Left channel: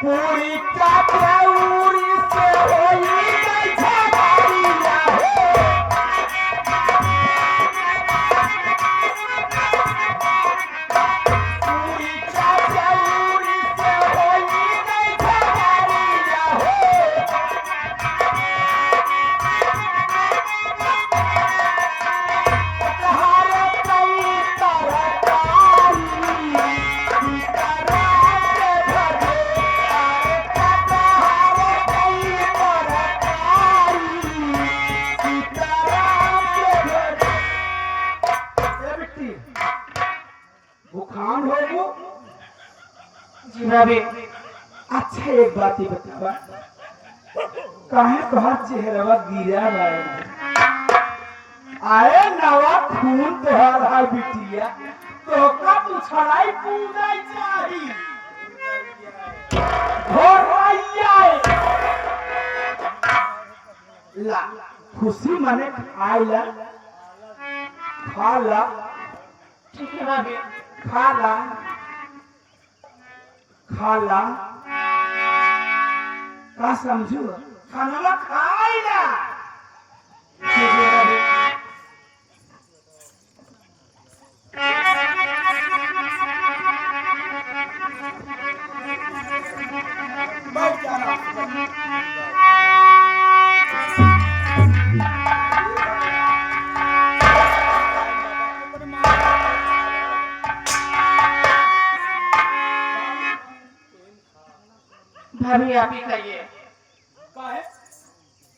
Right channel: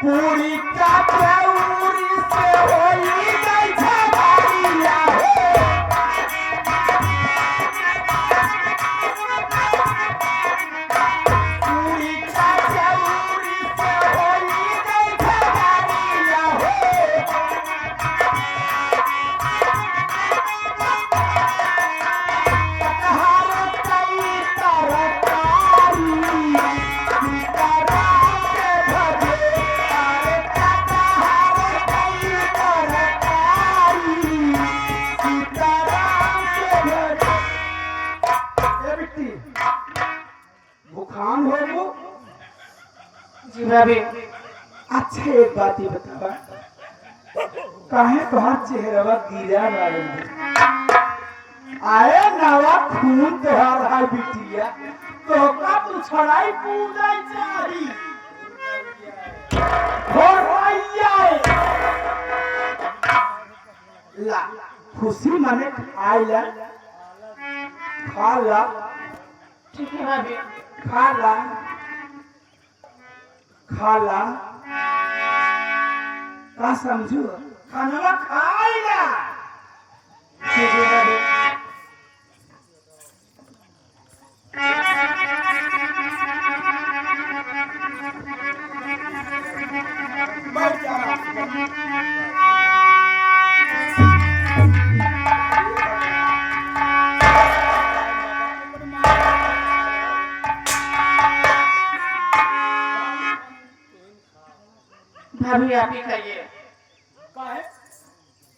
पूरी काठौरी से होई गई झगड़िया हे। पूरी काठौरी से होई गई झगड़िया हे। कटहर कई तरकारी सीताराम के भजे। बुखान हो वो जी भाभी। अच्छा एक बात ही बतावा, काहे तोहार चेहरा गिरा रहे आए नवा खून तोहार है बिटिया, तो का पूछड़ाई पूजाई चाही हो आइए ला खुशी मने आइला खाला। ठीक है भाभी, खाला खाला का समझो खाना खाइला। ठीक है भाभी। बैठ जाना भाभी, आप ही खाइए। काहे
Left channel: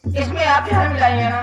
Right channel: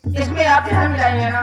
इसमें आप ध्यान मिलाइए ना।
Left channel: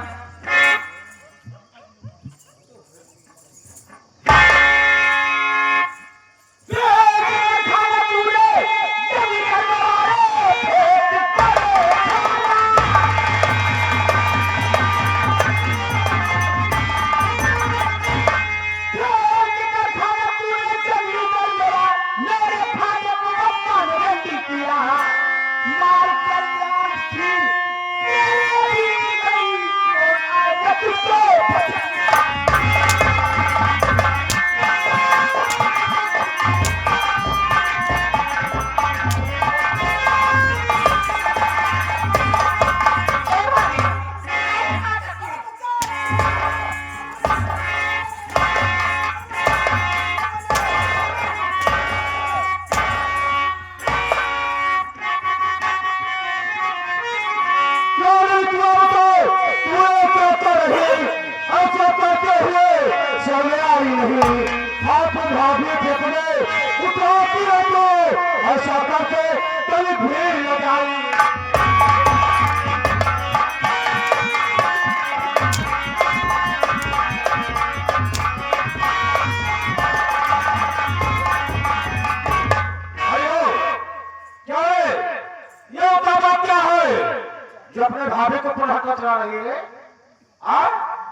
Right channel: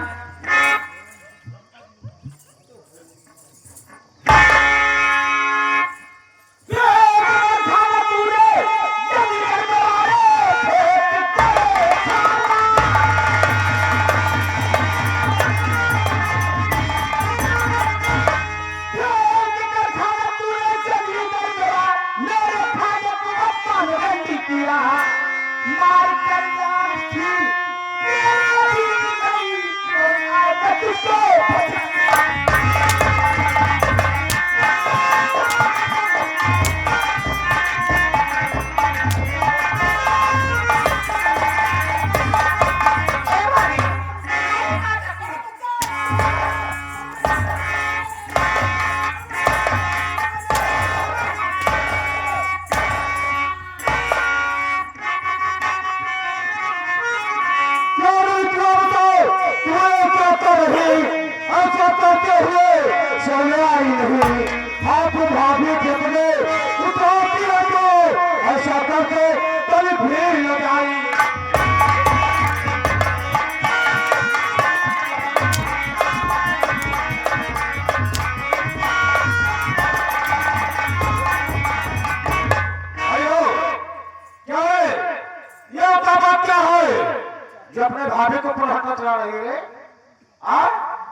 ऐसा करके तभी भीड़ लगाई। अयो क्या है ये बाबा, क्या है जो अपने भाभी को पुनः कतरा रही है?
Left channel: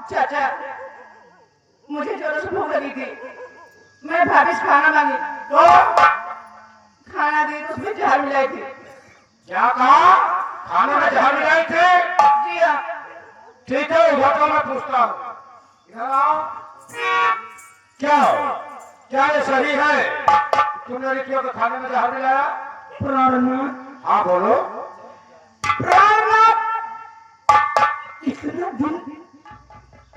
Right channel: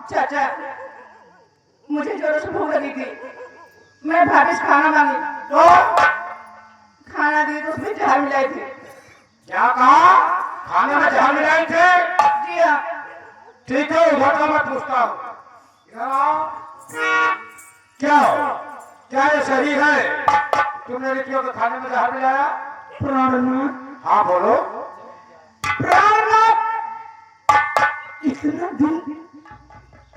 चाचा, मुझे जोरों से भूख लगी थी, मैं भाभी से खाना मांगी तो खाना दी तो उसमें जहर मिलाई थी। क्या कहा? खाने में जहर मिलाई थे? जी हाँ। ठीक है, हुआ तो मैं पूछता हूँ। इधर आओ। क्या हो? क्या ये सही है तुमने लड़कियों के खाने में जहर मिलाया? प्राणनाथ। हाँ बोलो। प्राणनाथ, इतना दिन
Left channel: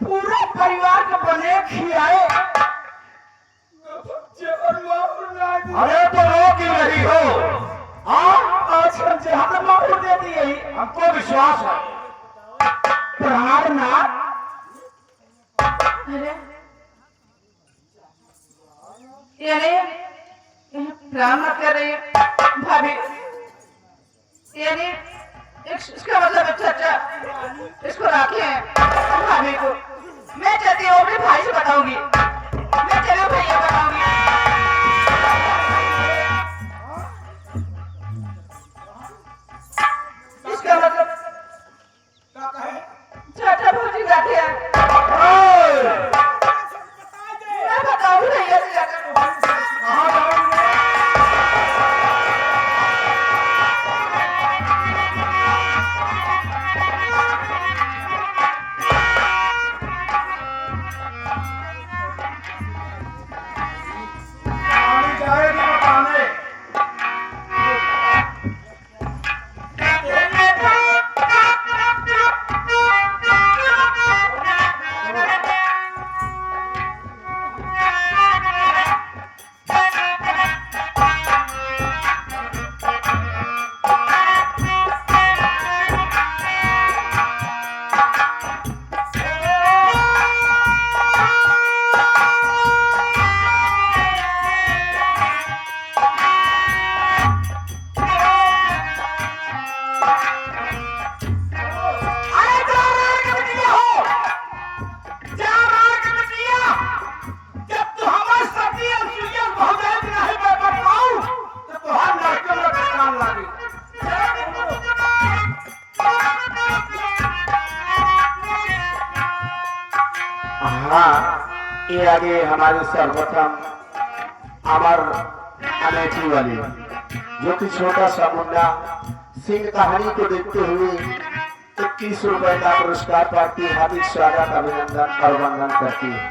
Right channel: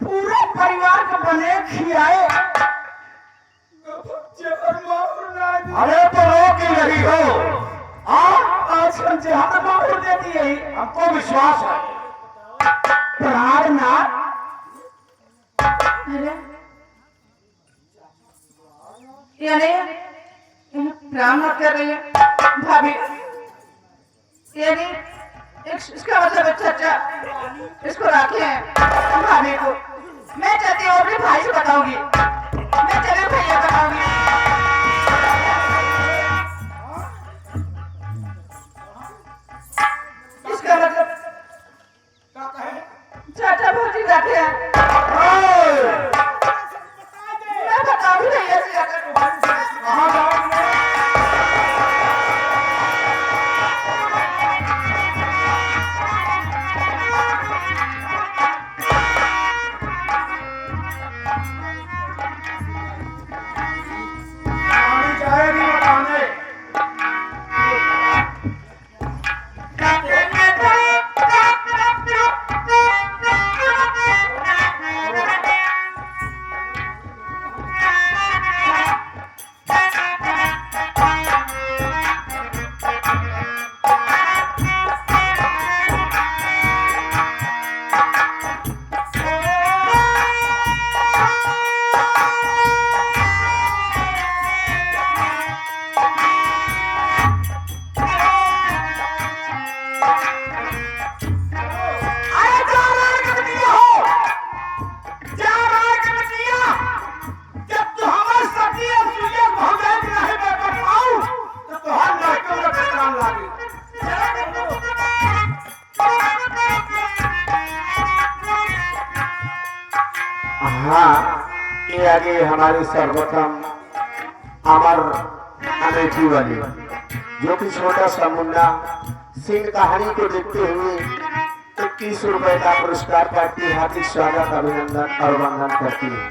पूरे परिवार को बने खिलाए। अरे तो रो क्यों रही हो? आजकल जहर माहौल दे दिए, हमको विश्वास है। प्राणनाथ, यानी काम मत कर रही है भाभी, यानी इसका मतलब है चाचा इसको राखी है भाभी को। मैं चाहती हूँ अपने भाई से बताऊंगी, मैं चले भैया बताऊंगी। ये आगे हमारे सर्वोत्तम अमर अमेठी वाली जो कि छोटा सा मुन्ना सिंह कहानी को देखते हुए 21 रुपए का पुरस्कार पार्टी हार्दिक स्वागत अभिनंदन और वंदन करती है।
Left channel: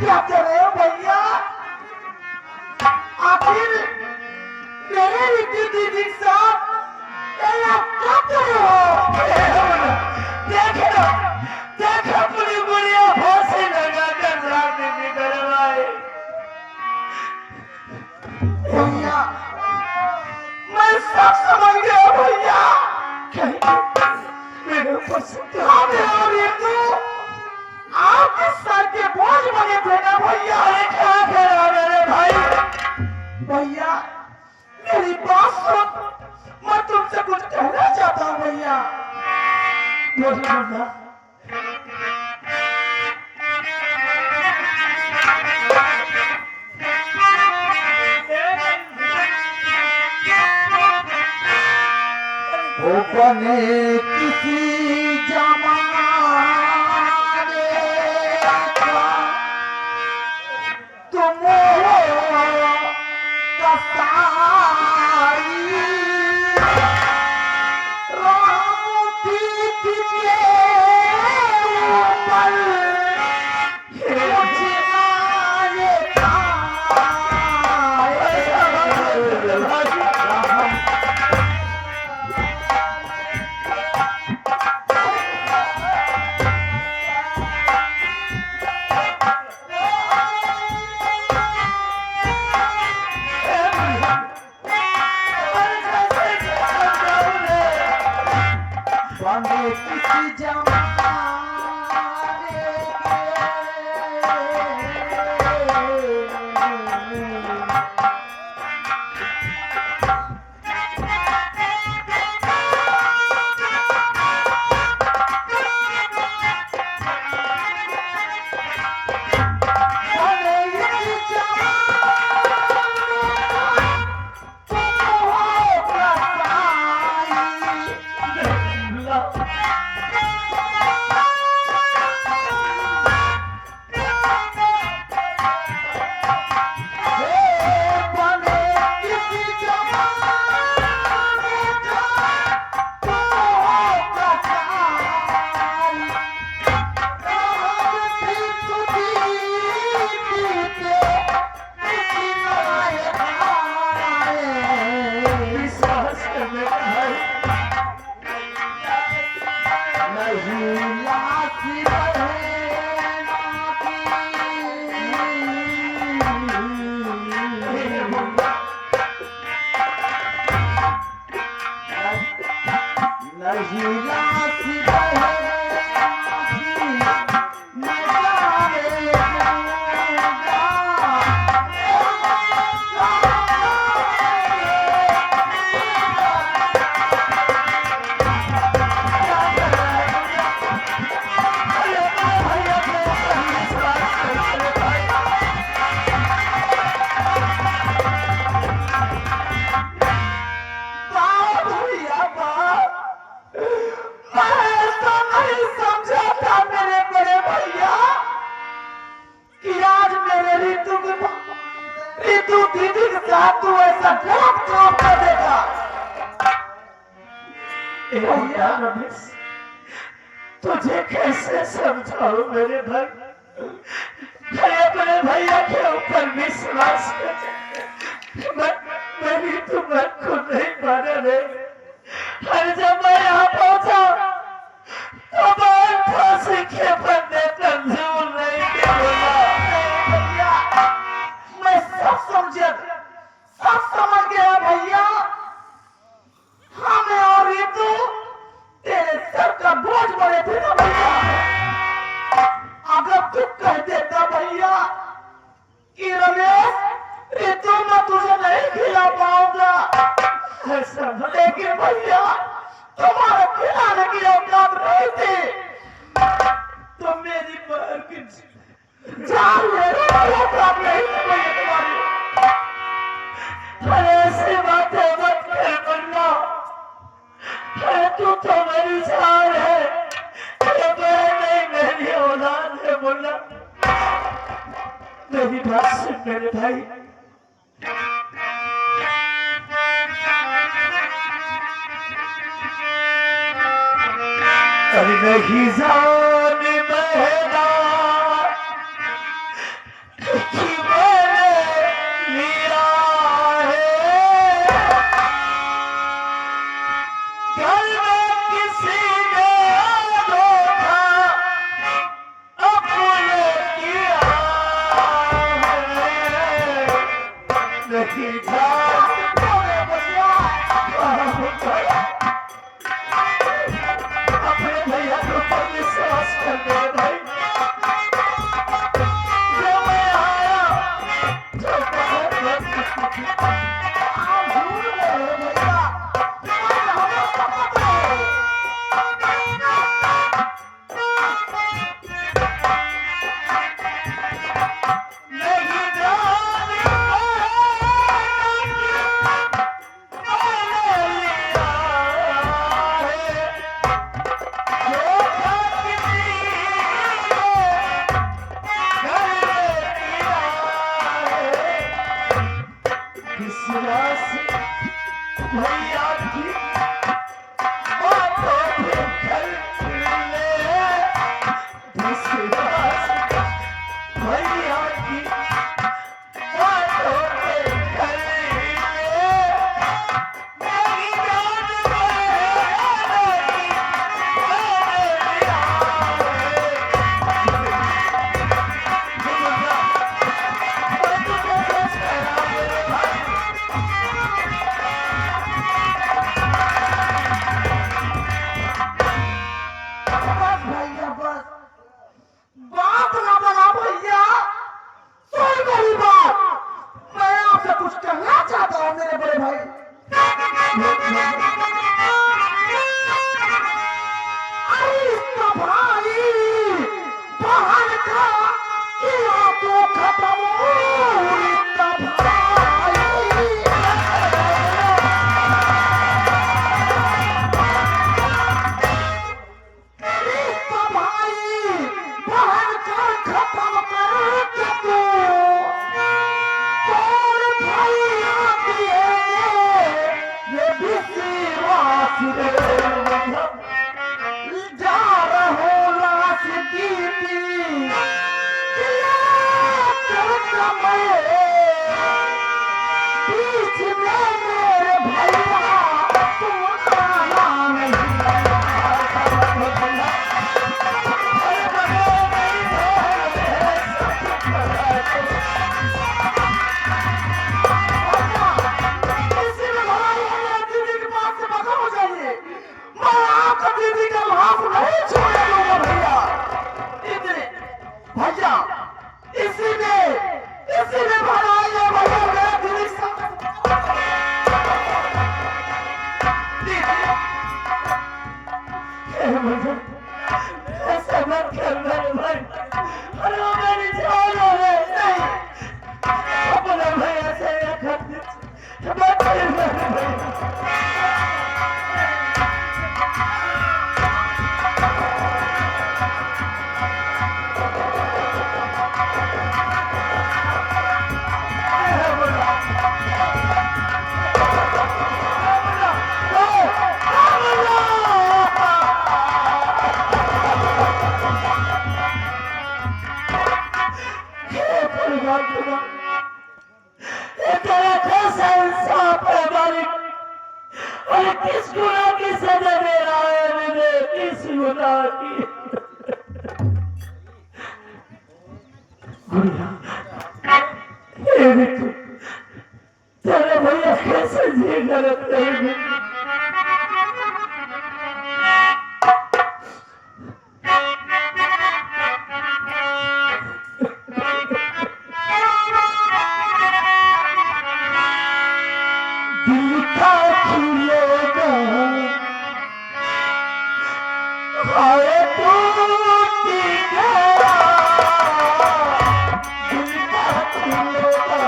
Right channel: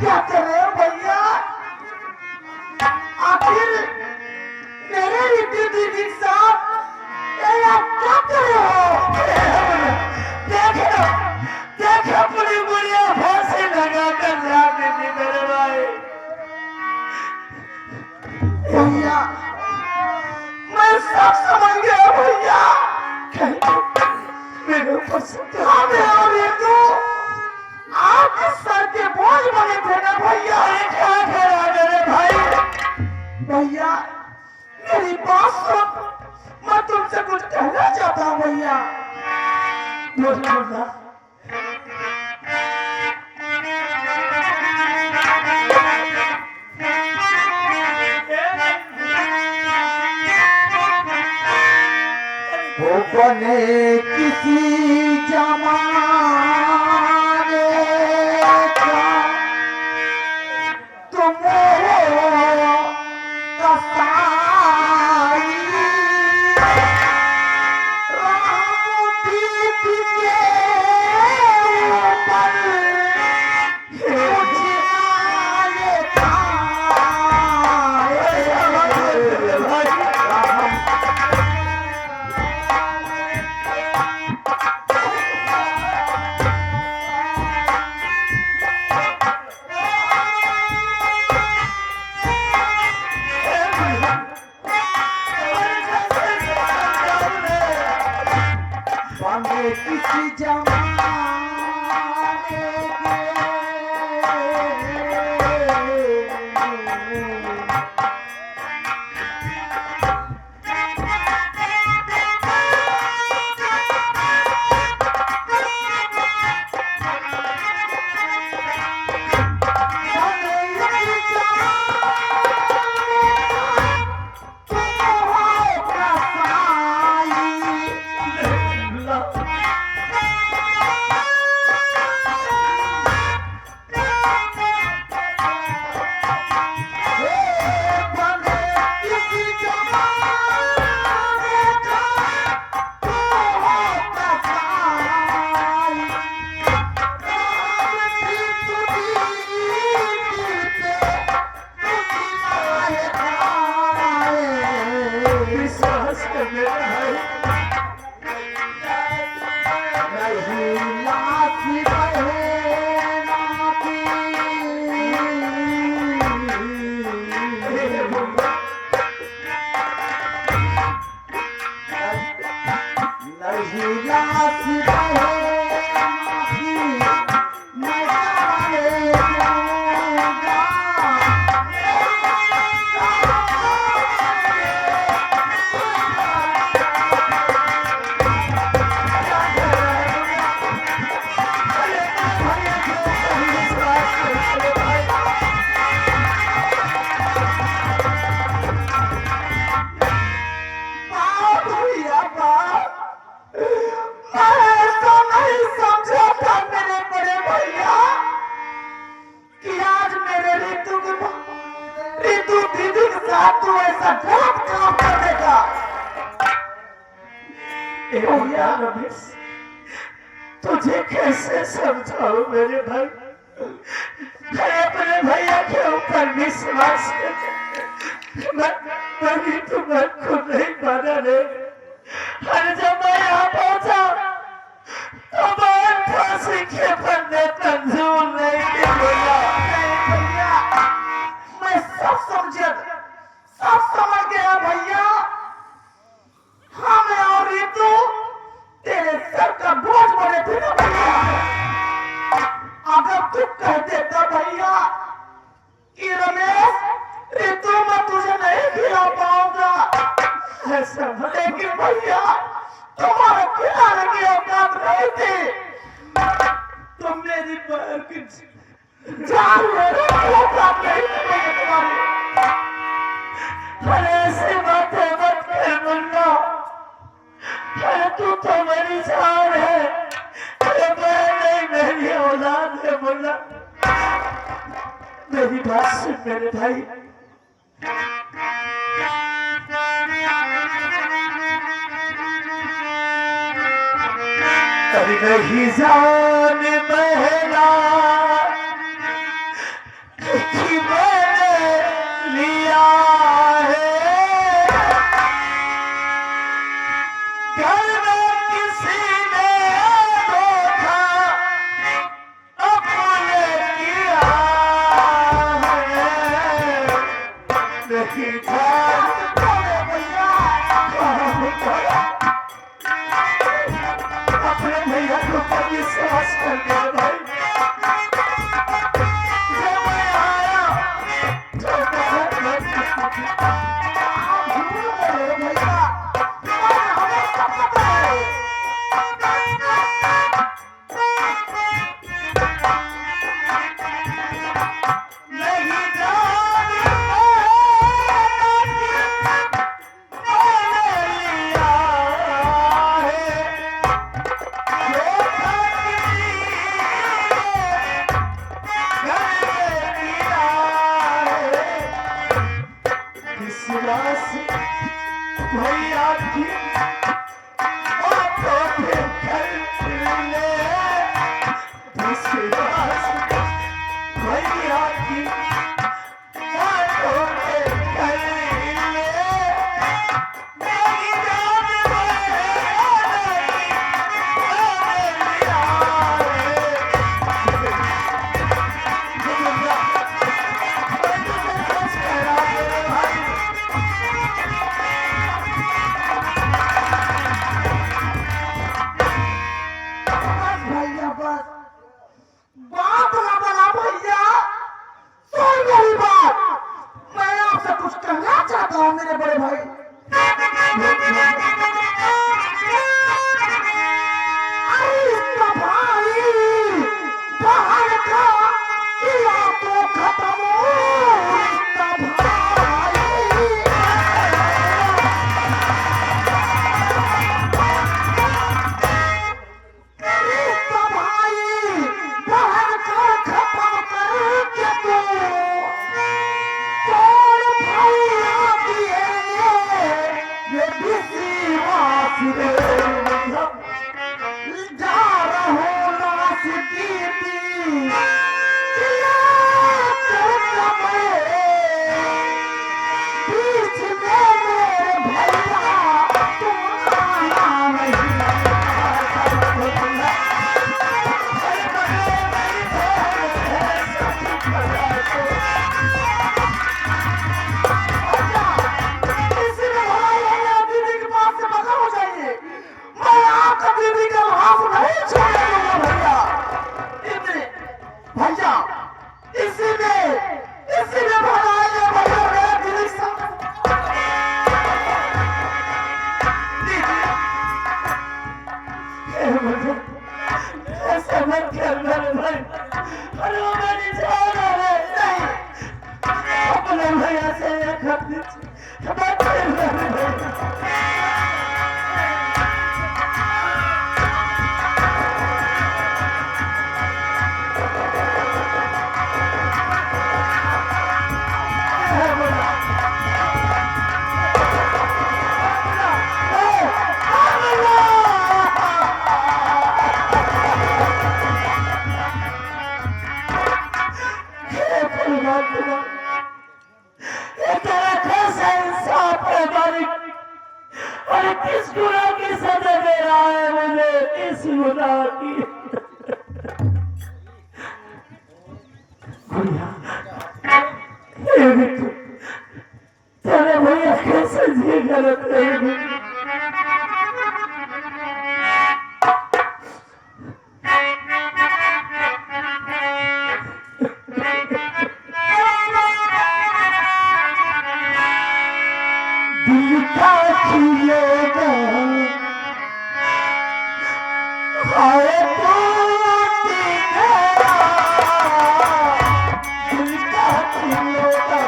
क्या कर रहे हो भैया? आखिर मेरे रिद्धि दीदी साहब क्या कर रहे हो? देखो पूरी बुढ़िया फांसी लगा कर जाके निकलवाए। भैया मैं सब समझ गया भैया। मेरे ऊपर से आपके सर के बोझ बने थे ना भैया। क्या करा मेरे भाई? भैया मेरी बात सुन, मैं तुमसे कुछ कहना चाहता हूँ भैया। बने किसी जमाने का तुम हो कसाई, राम पीठ के ऊपर कुछ आए किसी जमाने तुझे कैसे समझाऊं मेरे भाई? मैं अपने भैया के ऊपर विश्वास मैं तुम्हें खुद नहीं बना ले। और जब मैं यहाँ पहुंचा तो मैं फांसी के बंदे मंजूर नहीं बोला। ऐसा लेकिन भैया तुम्हारे खिलाने की औकात नहीं थी। तुम मेरी जान लेने की औकात नहीं थी मुझे तुम्हारी। पर ऐसी बातें मत कर मुन्ना। तू तो मेरी जान है, मेरी औलाद है मुन्ना। मेरी बात सुन मेरे भाई। अरे नहीं जान बहना कि मैंने लिया है, घर में किसी ने धोखा अपने किया है। नहीं जान अपने भैया को विश्वास कर दे भाई। जब मैं आया तो भैया की बातों पे कर ले, विश्वास भैया की बातों पे कर ले। मेरी जान बात ना बना भैया, सुन मेरी बात। मैं आपसे कुछ कहना चाहता हूँ मेरे बड़े भाई। अरे इसका भाई बहन का किया तो खत्म हो। इसका भाई बहन का खत्म करके तू कौन भैया दिए ये विश्वास रे। जा रहो लाश की बीच में मेरे भैया तुम आना नहीं। भैया इसीलिए भैया मेरा दिल ऐसा मत कर मेरे भाई। अरे मेरी जान है नहीं, अपने भैया से किस गुनाह की सजा दे रहा है मुझे, किस गुनाह की। तेरा भैया कैसे जी गलत रहेगी। दिल्ली का खिलौना हाय टूट गया दिल का खिलौना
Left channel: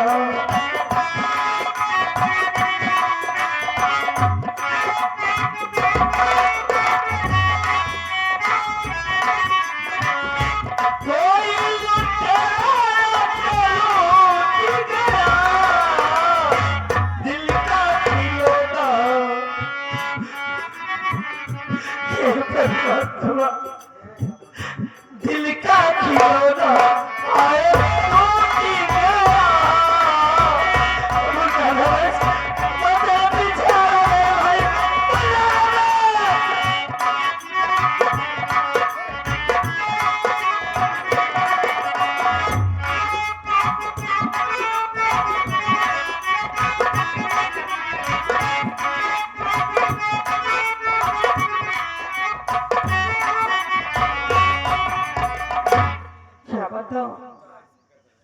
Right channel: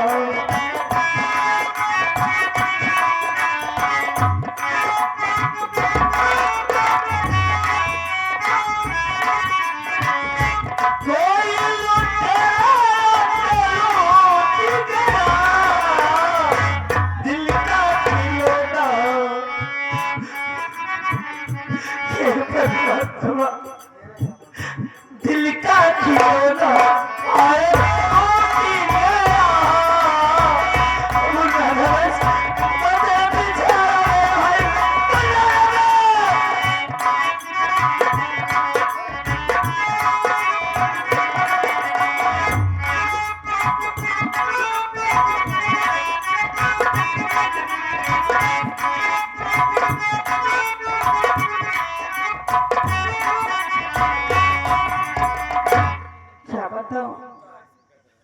दिल का खिलौना आए टूट गया मुझे पीछे हाय क्या बताऊं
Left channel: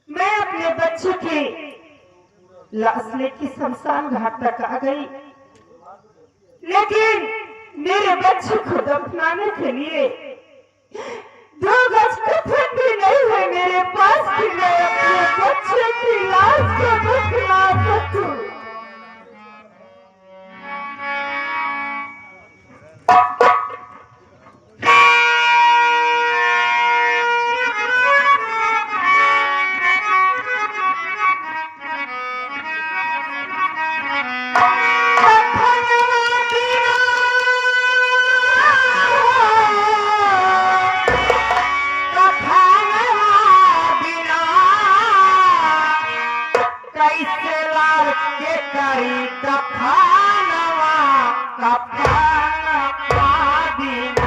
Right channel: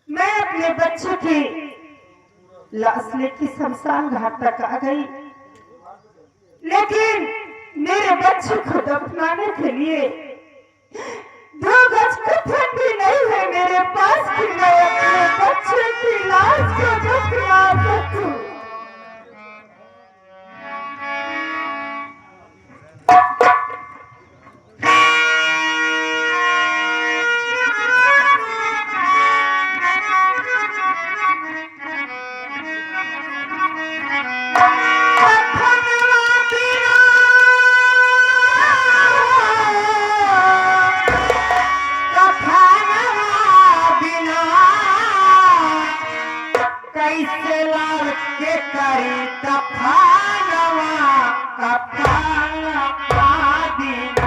मैं अपने बच्चे की लाश लेके शमशान घाट तक आ गई लेकिन मेरे बच्चे को दफनाने के लिए 2 गज कफन भी नहीं है मेरे पास कि मैं अपने बच्चे की लाश को दफना सकूं कैसे लाल के करी कफनवा कफनवा बिना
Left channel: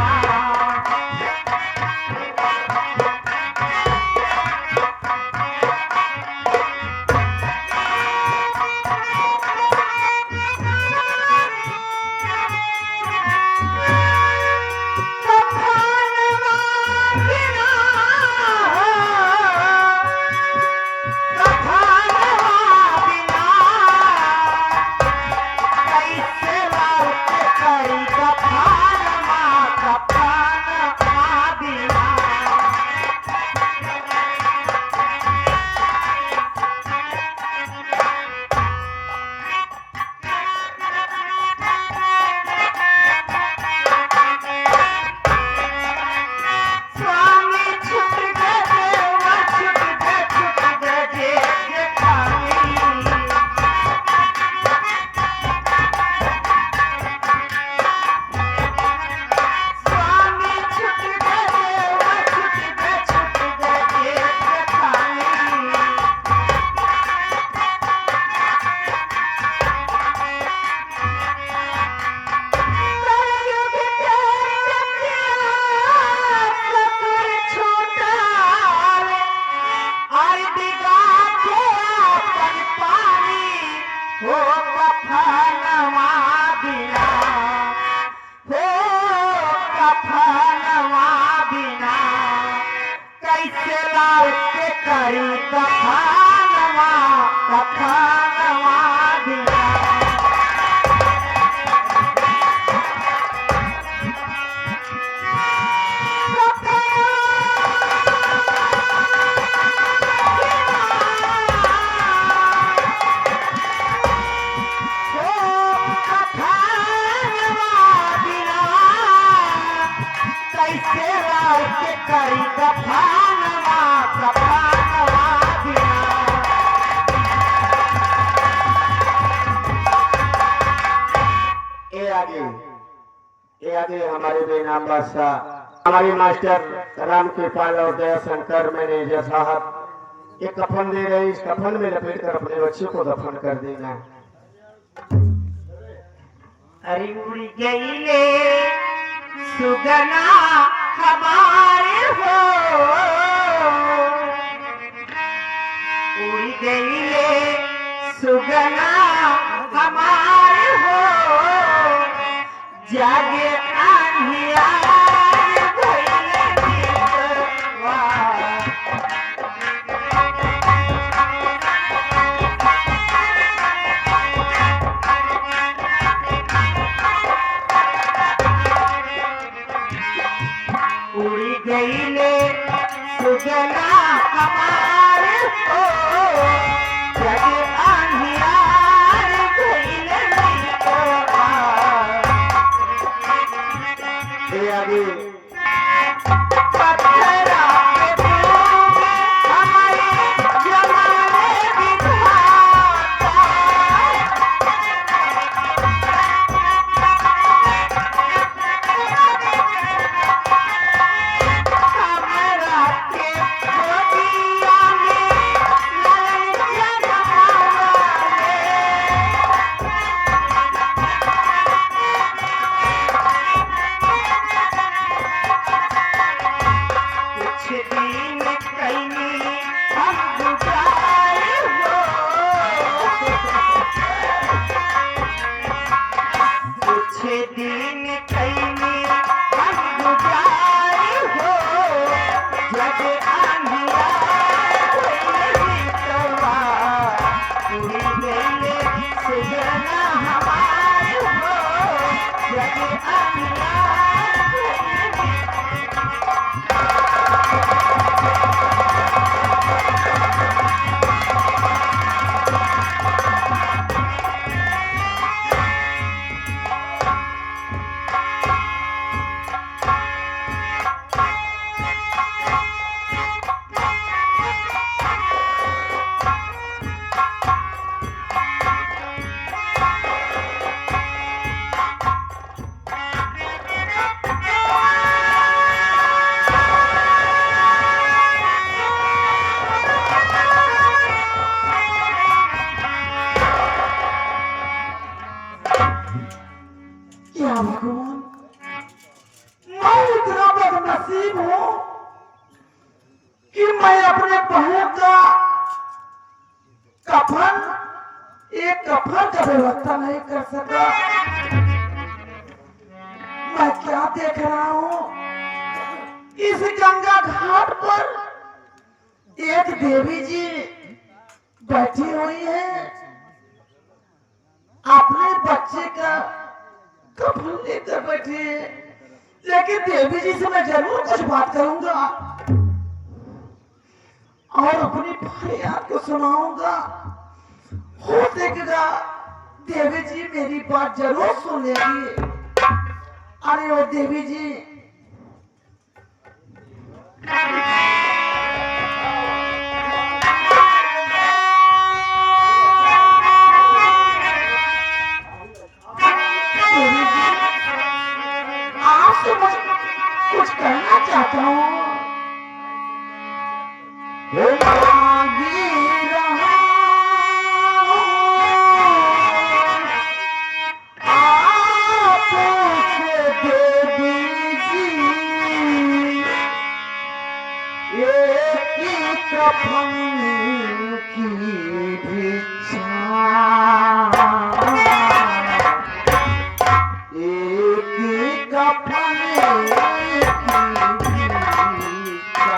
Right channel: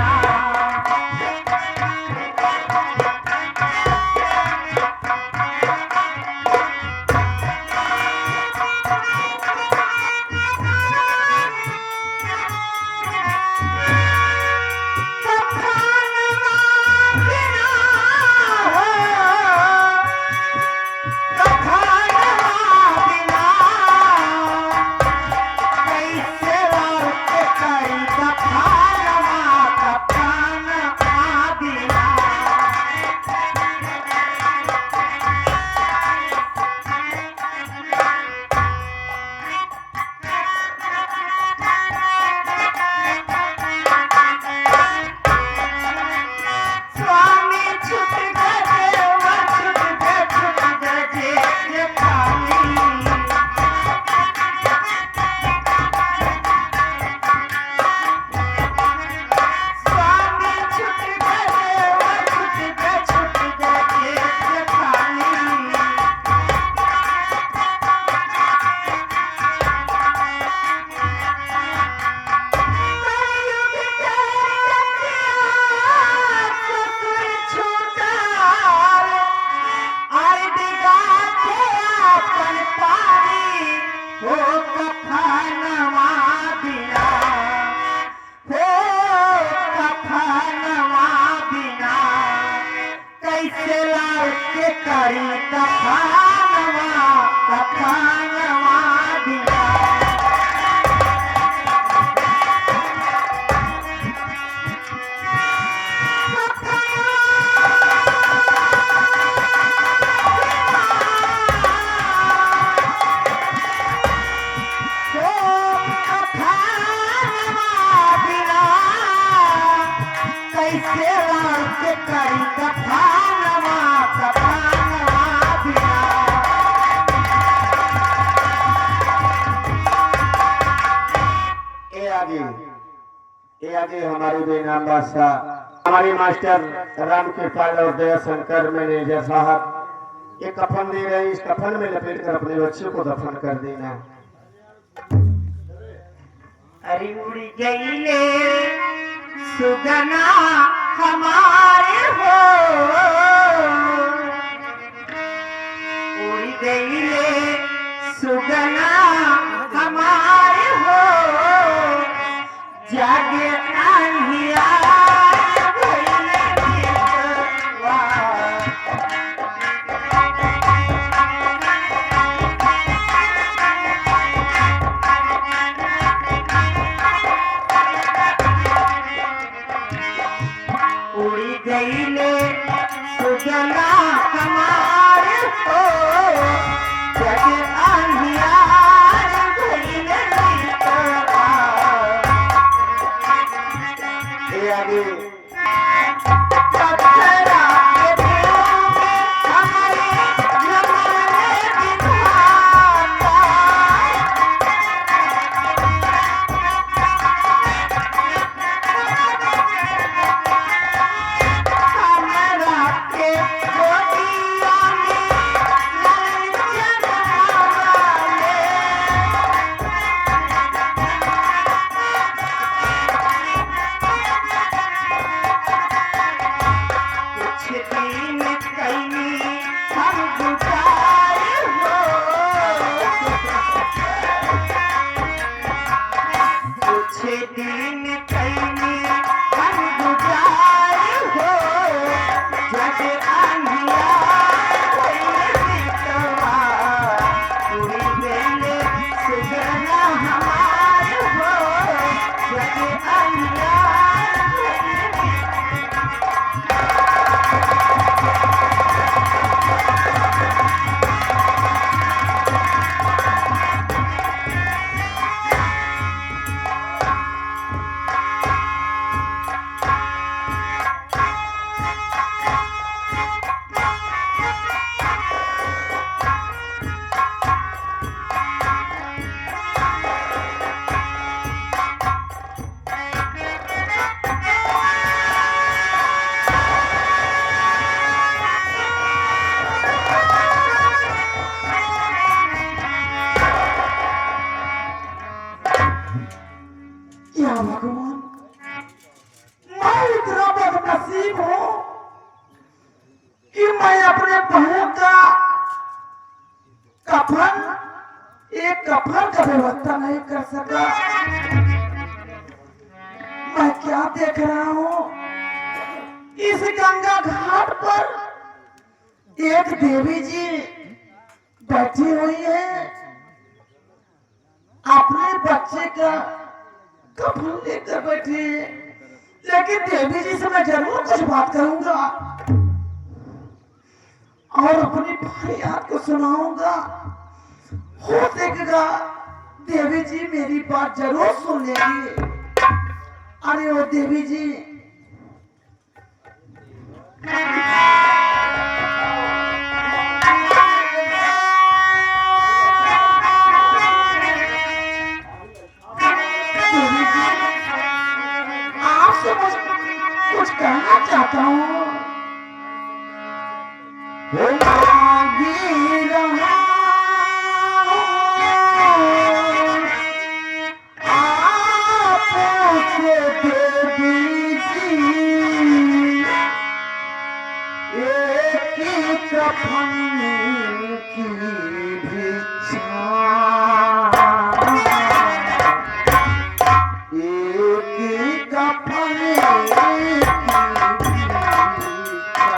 ये आगे हमारे बेनाम बादशाह हमारे मास्टर राम कृपाल और दया शंकर मैनेजर साहब ये कफन दे रहे इस कफन में लपेट कर अपने बच्चे को दफन कर देना। अरे उड़ गई ले सुगना हमारे हो उड़ गई ले सुगना हमारे हो जागे आंधिया सजना हमारे हो जग अंधियार भइल बितवा। ए आगे पत्थरा के फूल हमारे यमन में विधाता। हमारा के गोदिया में लालन जगमाले। कुछ दिन कहीं हम गुजारे हो कुछ दिन कहीं हम गुजारे हो जग अंधियार भइल बितवा। उड़ी गइले सजना हमारे हो जग अंधियार भइल क्या भगवान, मैं इतना बदनसीब हूँ कि मैं अपने बहन का कफन, एक कफन का व्यवस्था नहीं कर सका। मैं क्या देख रहा हूँ, इस गंगा घाट पर एक देवी जी बैठी हुई है, अपने बच्चे का कफन लेकर बैठी है। लेकिन देवी जी से मैं जरूर कुछ बात करूंगा और अपनी फरियाद को सुनाऊंगा। हो सकेगा देवी जी मेरी बात जरूर सुन लेगी। अरे वो देवी जी, देवी जी, आपसे कुछ कहना चाहता हूँ। मांगी रहा आपसे देवी जी, एक ही कफन की भिक्षा, एक ही कफन की भिक्षा।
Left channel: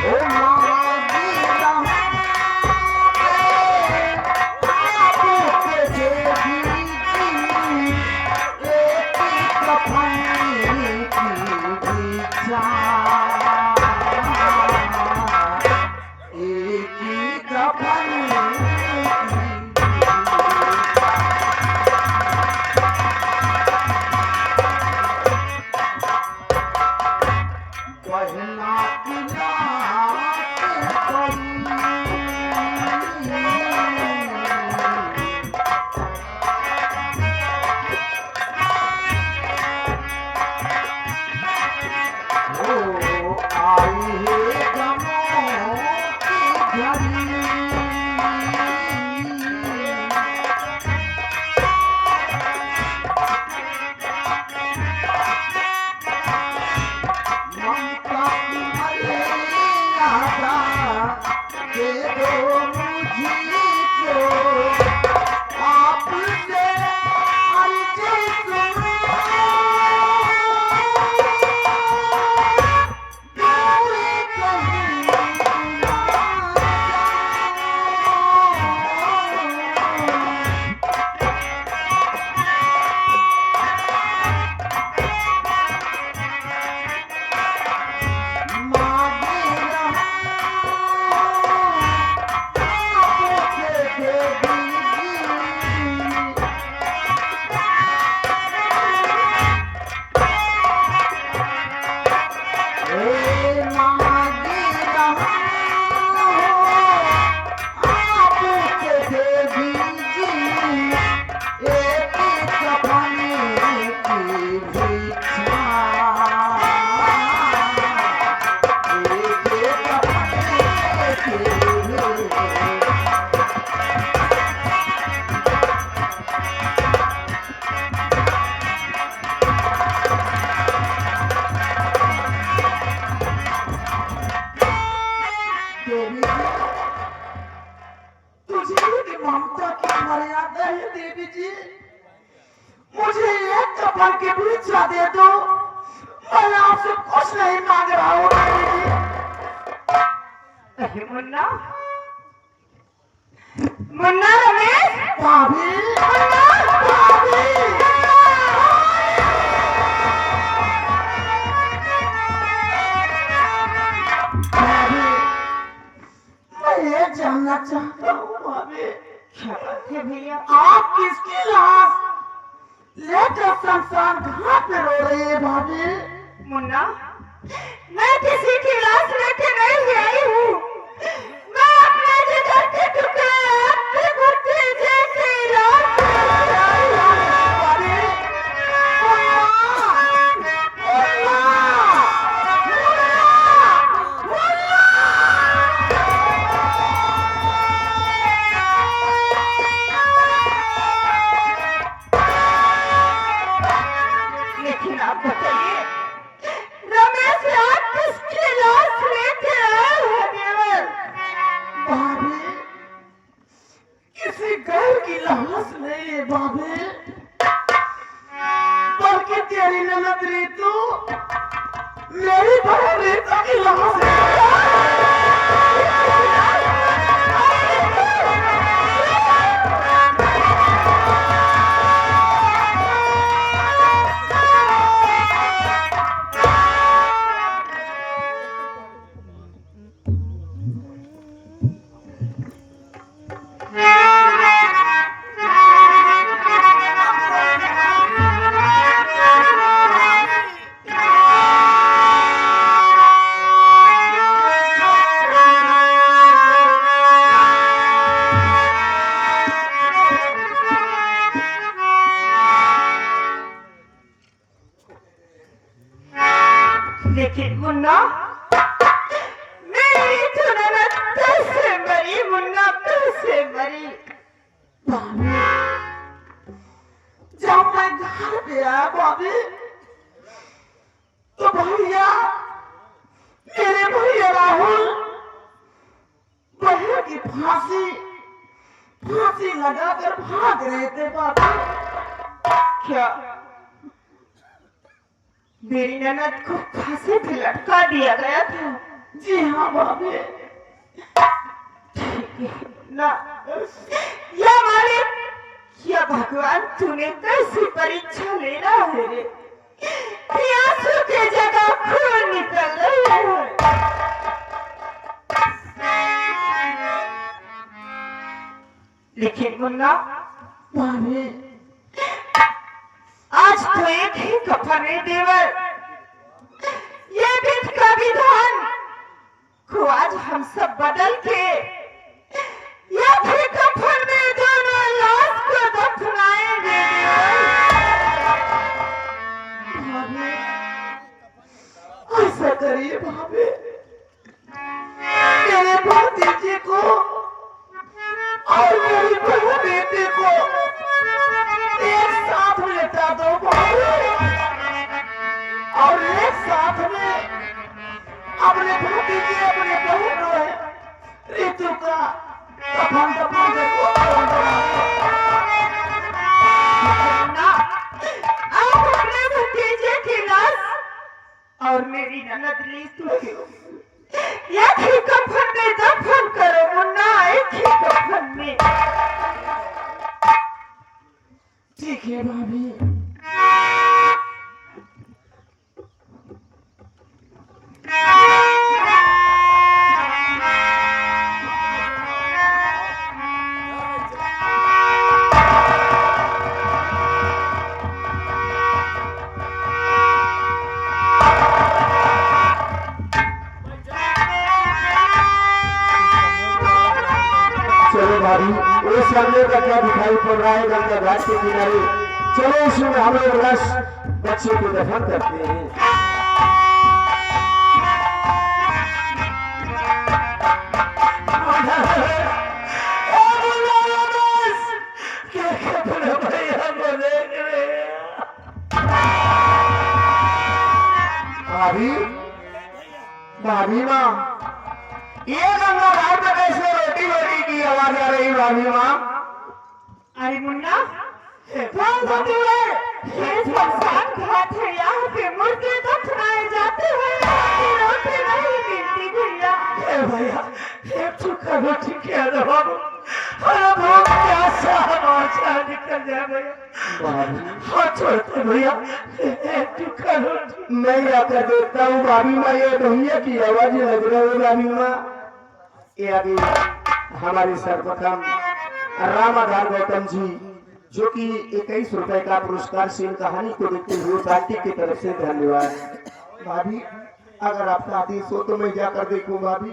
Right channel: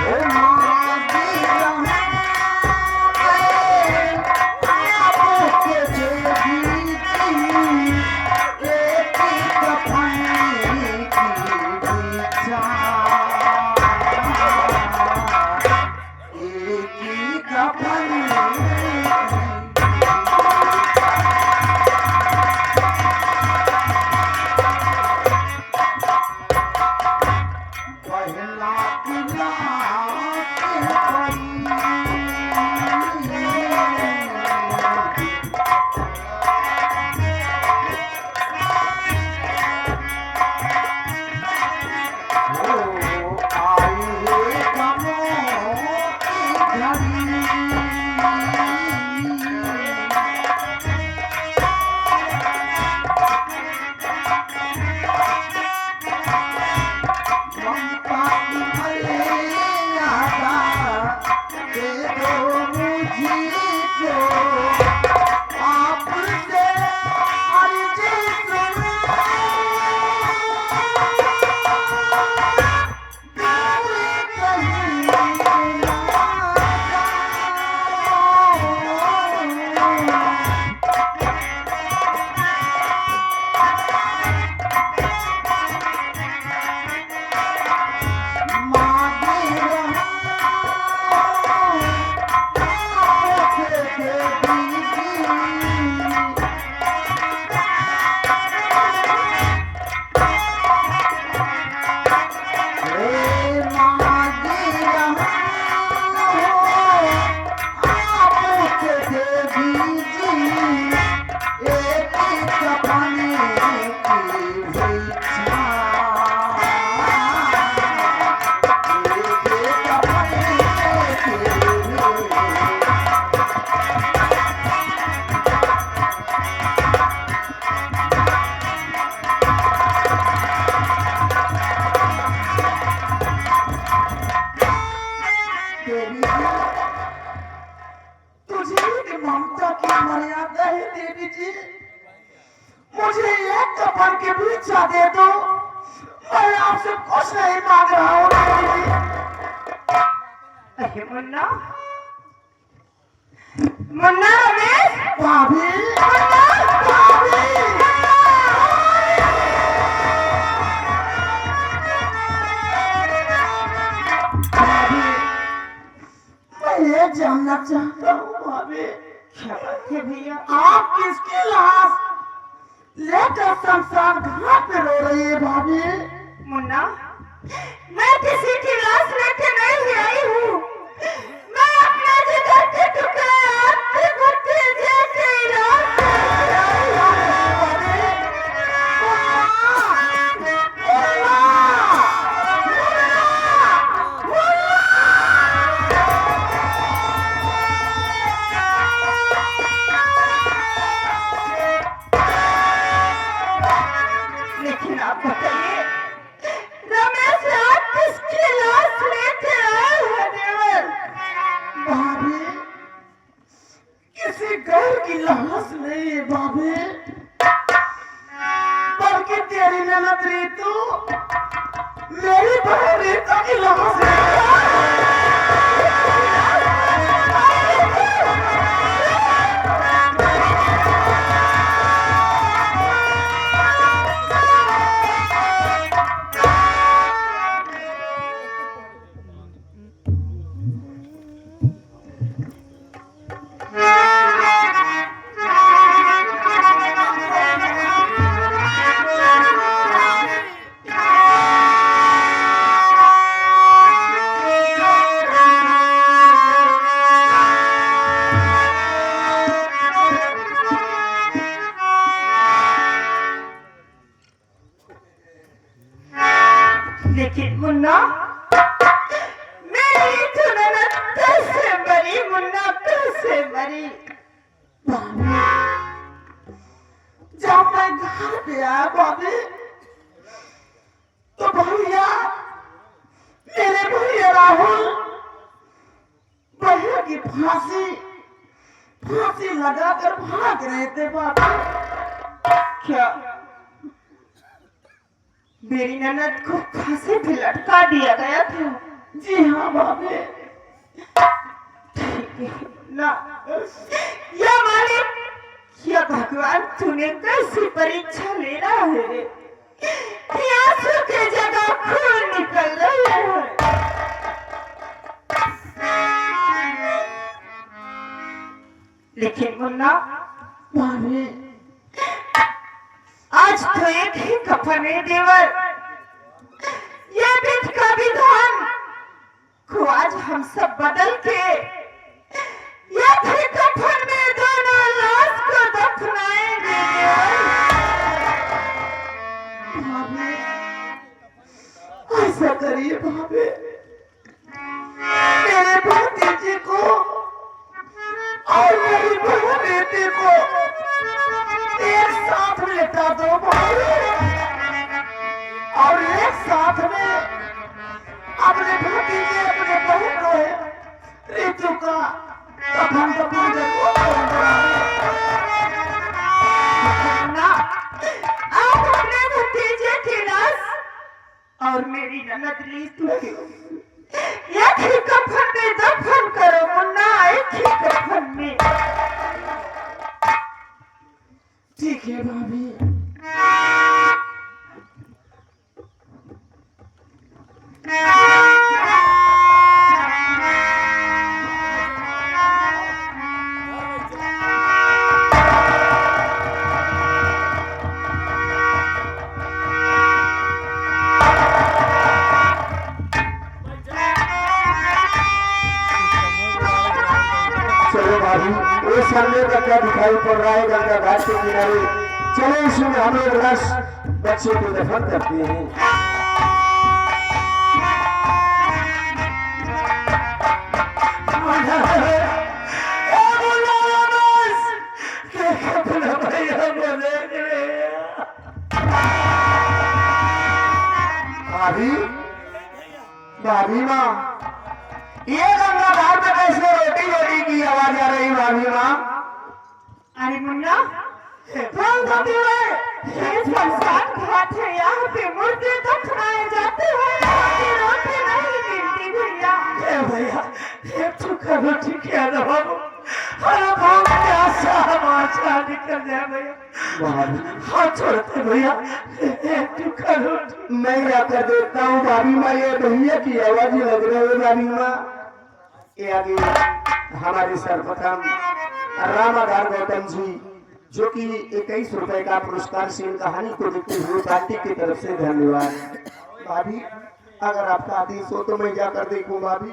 ओ मांगी रहा आपसे देवी जी, एक ही कफन की भिक्षा, एक ही कफन की पहला किनारे ओ आई है गमों की घड़ी, ममता की मर्यादा दे दो मुझको, आपसे अर्ज़ सुनो। देवी जी, मुझे एक कफन की भिक्षा दे दो, मैं आपसे कुछ नहीं मांग रहा हूँ देवी जी। अरे मुन्ना, मुन्ना रमेश, भाभी, भाभी, भाभी, मैं ये जानना चाहता हूँ भाभी, क्या बात है भैया? आप किसकी लाश लेकर शमशान घाट पे रो रही है भाभी? मुन्ना, मैं किसी की लाश लेके नहीं आई हूँ। मैं अपने जिगर के टुकड़े आपके भुट्टे जैसे लाश लेके आई हूँ। भाभी, लेकिन आप बताइए, रमेश आप किसकी लाश लेके आए हो देवर? भाभी, किसी गैर की लाश नहीं है भाभी, बल्कि तेरी ननद रीतू, मेरी बहन रीतू की लाश है। लेकिन मुन्ना, मेरी तो ननद कैसे मरी? मुन्ना कैसे मरी? भाभी, जब मैं घर पे आया भाभी, तो भैया, मेरे भैया राहुल, बहन की फांसी लगाकर भाग रहे थे भाभी। क्या मेरी ननद को फांसी पे लटका दिया गया था? जी हाँ भाभी। ना, या मालिक, या भगवान, तूने कैसी परीक्षा लेना है रे? कि आंसू की जगह खून निकल रही है। लेकिन मुन्ना, भाभी, आज तो एक ही कफन है देवर। ये विध का विधान को आज हम सब बदल के एक ही कफन में दोनों लाश को दफनाएंगे। भाभी, ऐसा करिए भाभी, मेरे भतीजे को और मेरी बहन बेटी को एक साथ लेटा दो भाभी, और एक साथ में अपने भतीजे अपने बहन को ऋतु का कफन देखो। मुन्ना, आप अपने भतीजे की लाश और मेरी ननद लीतू की एक ही कफन में दफन करो मुन्ना, एक ही कफन में। ठीक है भाभी। चलो भाभी, वो सामने का क्या दिखाई पड़ रहा है गंगा घाट के किनारे, चलो उसमें हम लोग लाश बच्चे को दफन करते हैं। भाभी, भाभी माँ, ये गंगा घाट में कैसे रोटी रोटी की आवाज आ रही भाभी माँ? अरे मुन्ना कौन सा देवर ये शमशान घाट है, यहाँ पे मुर्दे दफनाए जाते हैं, यहाँ पे रोटी नहीं मिलती भैया। ए भैया एक चुका रोटी के दो, अरे बहुत प्यासा हमारा निकल जाए भैया, हाथ छोड़ते भैया, एक चुका रोटी मैं आकर देखता हूँ भाभी माँ, ये भैया की आवाज ही लग रही है भाभी माँ। ये अभी हमारे सर्वप्रथम रामाधार गौतम जी जो कि 21 रुपए का पुरस्कार से इन कहानी को देखते हुए पार्टी की तरफ से धन्यवाद। भाभी अगर आपका आदेश हो तो मैं जाकर देखूं भाभी।